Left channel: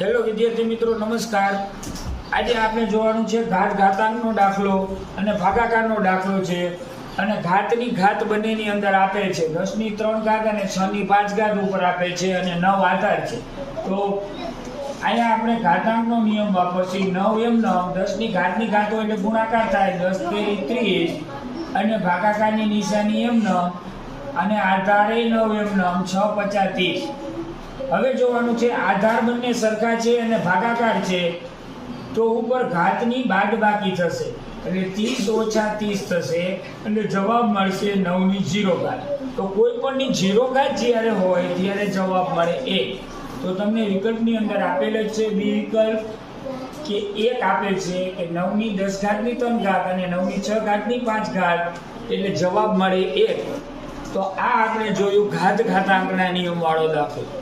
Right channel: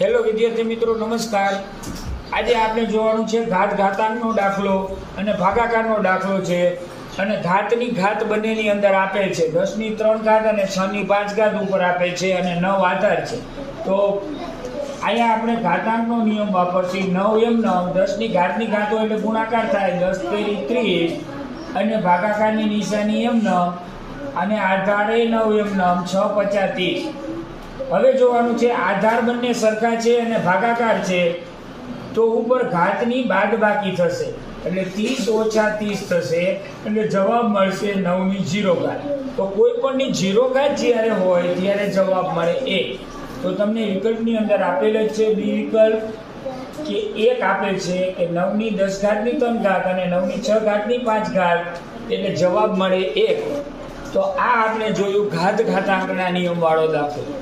Hello વિદ્યાર્થી મિત્રો, નમસ્કાર. આજે આપણે જોવાનું છે ઘાત ઘાતાંકનો દાખલો અને ભાગાકારનો દાખલો છે. અને ઘાતની ઘાત બંનેની અંદર આપેલ છે 10 ની 3 ઘાત અને 6 ની 5 ઘાત ઉપર આપેલ છે અને 9 આધાર છે. તો અહીંયા આપણે ઘાતાંકનો નિયમ વાપરશું. 9 એમ 9, 10 ની ઘાતની ઘાતો એટલે ગુણાકાર થાય 10 તેરી 30 અને ભાગાકારની નિશાની એમ 9 અને આધારે 9 એમ 9, 6 50 30. હવે જોવાનું છે આધાર બંને સરખા છે અને ભાગાકાર છે તો ઉપર ઘાતની બાદબાકી થશે એટલે 30 ઓછા 30 થશે એટલે જવાબ મળશે 9 ની 0 ઘાત. તો કોઈ પણ ની 0 ઘાત જ્યારે હોય ત્યારે જવાબ મળે 1. તો તમને વિકલ્પની અંદર આપેલ જ છે બી વિકલ્પ કે 1 આપેલ છે કે 9 ની 10 ઘાતની 3 ઘાત અને 9 ની 6 ઘાતની 5 ઘાત એટલે જવાબ મળે 1. તો આ આપણે જોયું ઘાત ઘાતાંકના નિયમ વાળો દાખલો.